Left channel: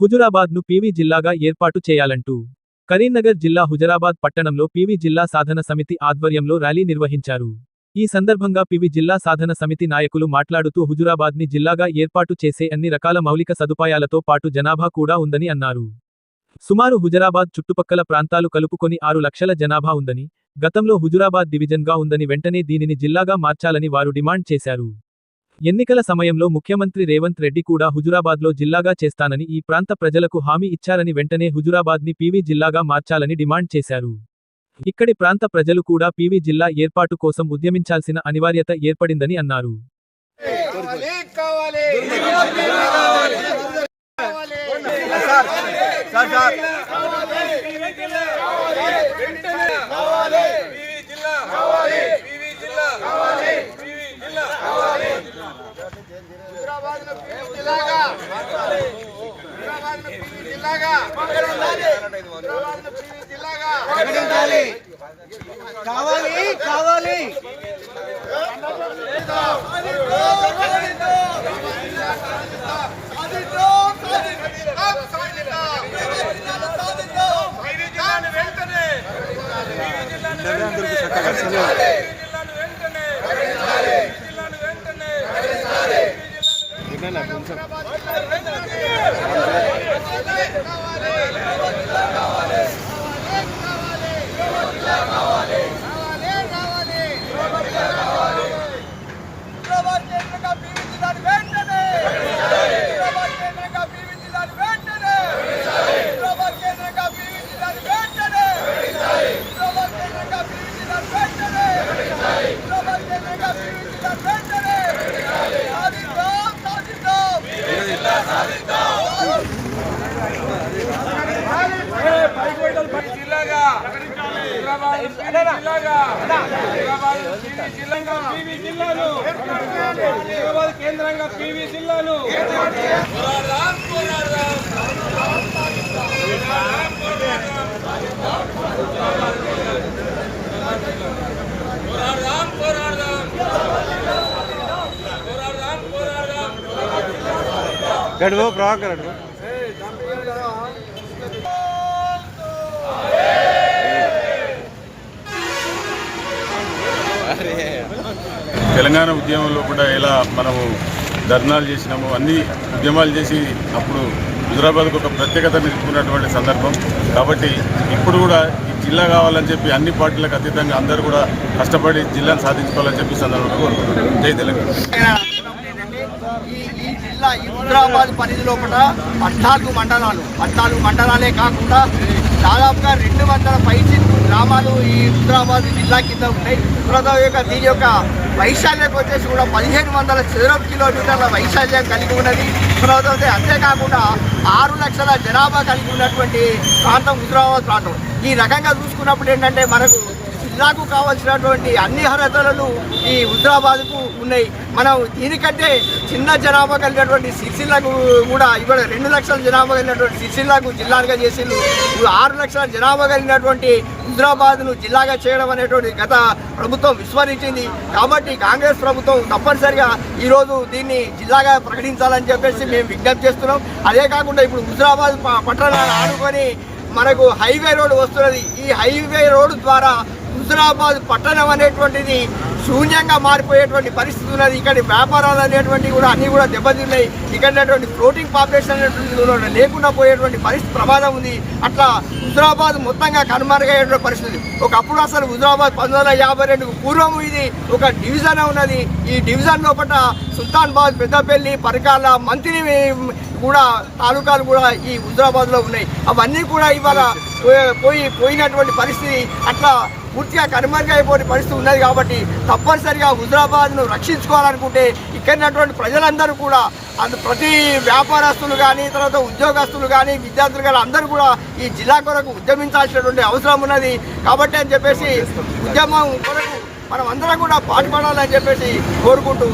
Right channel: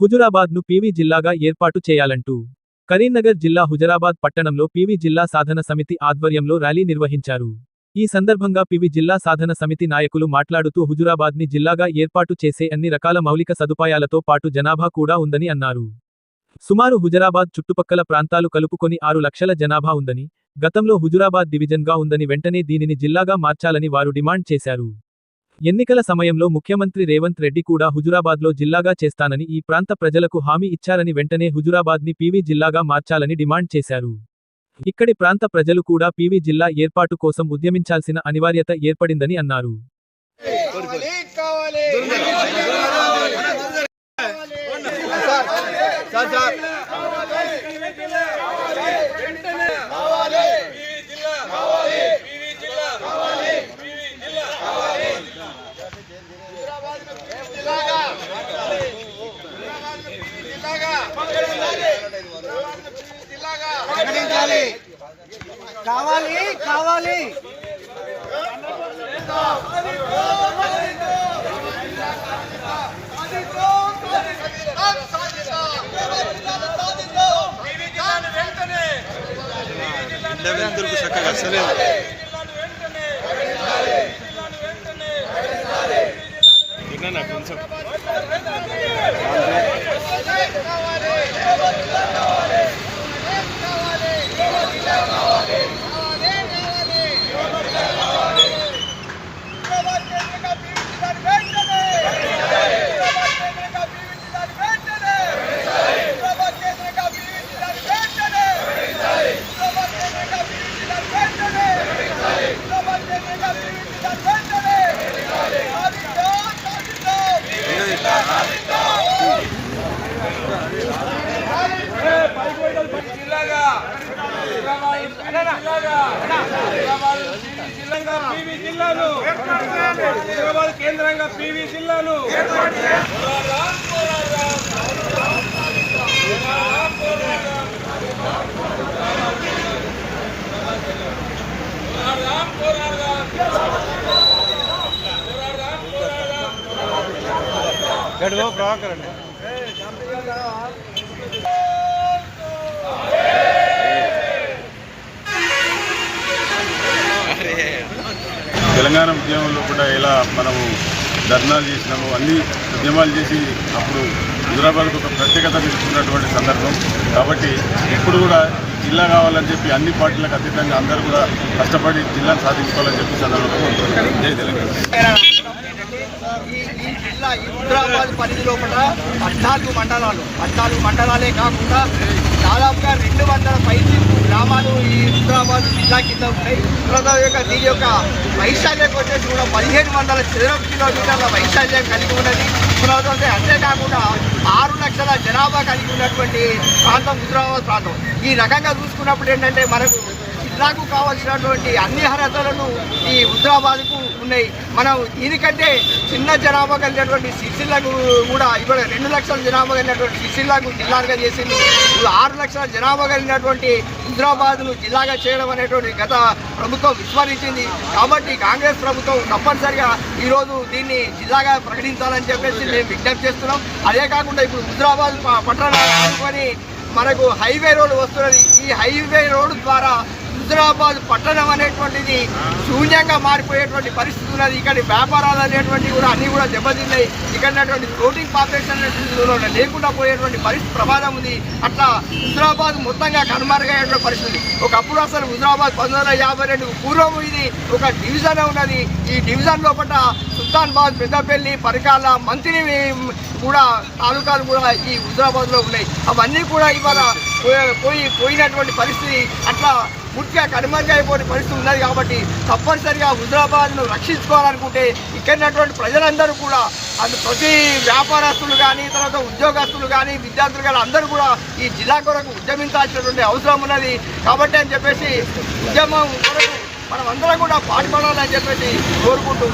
హుజురాబాద్ను PV జిల్లాగా ఏర్పాటు చేయాలంటూ కరీంనగర్ జిల్లా హుజురాబాద్ పట్టణంలో పీవీ జిల్లా సాధన సమితి ఆధ్వర్యంలో ర్యాలీ నిర్వహించారు. ఈ సందర్భంగా పీవీ జిల్లా సాధన సమితి నాయకులు మాట్లాడుతూ హుజురాబాద్ని జిల్లాగా ఏర్పాటు చేసే అన్ని రకాల మౌలిక సదుపాయాలతో పాటు జనాభా కూడా ఉందని అన్నారు. సుమారు హుజురాబాద్ చుట్టుపక్కల ప్రాంతాలు కలుపుకొని 6 లక్షల జనాభా ఉందని, గతంలో హుజురాబాద్ డివిజన్గా ఉందని వెంటనే దీనిని జిల్లాగా మార్చాలని వారు డిమాండ్ చేశారు. ఎన్నికల సమయంలో ముఖ్యమంత్రి రేవంత్ రెడ్డి కూడా హుజురాబాద్లో జిల్లాగా చేస్తానని ఈ ప్రాంత ప్రజలకు హామీ ఇచ్చారని వెంటనే హుజురాబాద్ని పీవీ జిల్లాగా మార్చాలని డిమాండ్ చేశారు. ఇక్కడి ప్రాంత ప్రజలు కూడా పీవీ జిల్లా ఏర్పాటు కోసం ఉద్యమించాల్సిన అనివార్యత ఏర్పడిందని అన్నారు. కేంద్రంగా పీవీ జిల్లాలు తెలంగాణ ఉద్యమంలో కూడా ఎలా మనము ధర్నాలు చేసినాము, అన్ని ఉద్యమాలు చేసి అప్పుడు హుజురాబాద్కు ఒక ప్రత్యేకత తీసుకున్నటువంటి సందర్భం. కాబట్టి ఇప్పుడు కూడా జిల్లా కావాలని చెప్పి అన్ని పార్టీలకు అతీతంగా అందరూ కూడా కష్టపడి జిల్లాను సాధించుకోవాలని చెప్పి సందర్భంగా జై తెలంగాణ. ఈ జిల్లా ఈ హుజురాబాద్ పరిధిలో కూడా 14 మండలాలే కాకుండా దాదాపుగా 200 పైచి గ్రామాలు ఈ హుజురాబాద్ జిల్లా కింద ఉన్నాయి. దీని యొక్క వైశాల్యం వచ్చేసి కూడా 1500 చదరపు కిలోమీటర్ల వైశాల్యం కలిగి ఉన్నది. అంతేకాకుండా 6 లక్షల జనాభా కలిగి ఉన్నటువంటి ప్రాంతం హుజురాబాద్ ప్రాంతం. ఈ రకంగా చూసుకున్నప్పుడు ఏంటంటే మనకు జిల్లాకు కావాల్సినటువంటి అన్ని అర్హతలను ఈ హుజురాబాద్కు ఉన్నాయి. మనం దీనికంటే చిన్న జనాభా కలిగినటువంటి సిరిసిల్లకు కూడా ఇవాళ 2 లక్షల జనాభా కలిగినటువంటి సిరిసిల్లకు జిల్లాగా చేసింది. 6 లక్షల జనాభా కలిగినటువంటి హుజురాబాద్ను జిల్లాగా చేయడం అనేటువంటి గత ప్రభుత్వం విస్మరించింది. కాబట్టి కాంగ్రెస్ ప్రభుత్వం తప్పనిసరిగా ఈరోజు దీన్ని జిల్లాగా ప్రకటించాలని చెప్పేసి మేము విజ్ఞప్తి చేస్తున్నాం. అదే కాకుండా ఇప్పుడు హుజురాబాద్ పట్టణాన్ని ఆనుకొని మనకు హైవే రోడ్డు వస్తున్నది. ఈ హైవే రోడ్డు ద్వారా హుజురాబాద్ పట్టణం అనేటువంటిది శూన్యంగా మారిపోయేటువంటి పరిస్థితి ఉన్నది. ఇక్కడ వ్యాపారాలు అనేటువంటివి కూడా అన్నీ కూడా దెబ్బతిన్నాయి. ఇక్కడ ఫ్లోటింగ్ పాపులేషన్ అనేటువంటి లేకుండా పోయేటువంటి పరిస్థితి ప్రమాదం ఉంది. అట్లా హుజురాబాద్ మొత్తంగా కనుమరుగయ్యేటువంటి పరిస్థితి. ఒకప్పుడు అసలు హుజురాబాద్ 1952 పూర్వం ఇది ఒక డివిజన్ ఉన్నది. ఈ డివిజన్ లోపల సుల్తానాబాద్, పెద్దపల్లి, పరకాల, మంత్రి కూడా తాలూకాలు కూడా ఈ హుజురాబాద్లో ఉన్నాయి. అవన్నీ కూడా ఇవాళ పోయినటువంటి పరిస్థితి. అట్లా పూర్తిగా కనుమరుగైపోయే పరిస్థితి ఉన్నది. కాబట్టి తప్పనిసరిగా హుజురాబాద్ను రక్షించుకోవాలనుకుంటే ఇక్కడ ప్రజలందరూ కూడా ప్రతి వ్యాపారస్తులు కానీ, తర్వాత ఉద్యోగస్తులు కానీ, విద్యార్థులు కానీ అందరూ కూడా ఈ జిల్లా కొరకు ఉద్యమించాల్సినటువంటి అవసరం ఉన్నది. కాబట్టి అని చెప్పేసి ఉద్యమం కొరకు మనం అందరం కూడా పాల్గొనాలని చెప్పేసి కోరుకుంటూ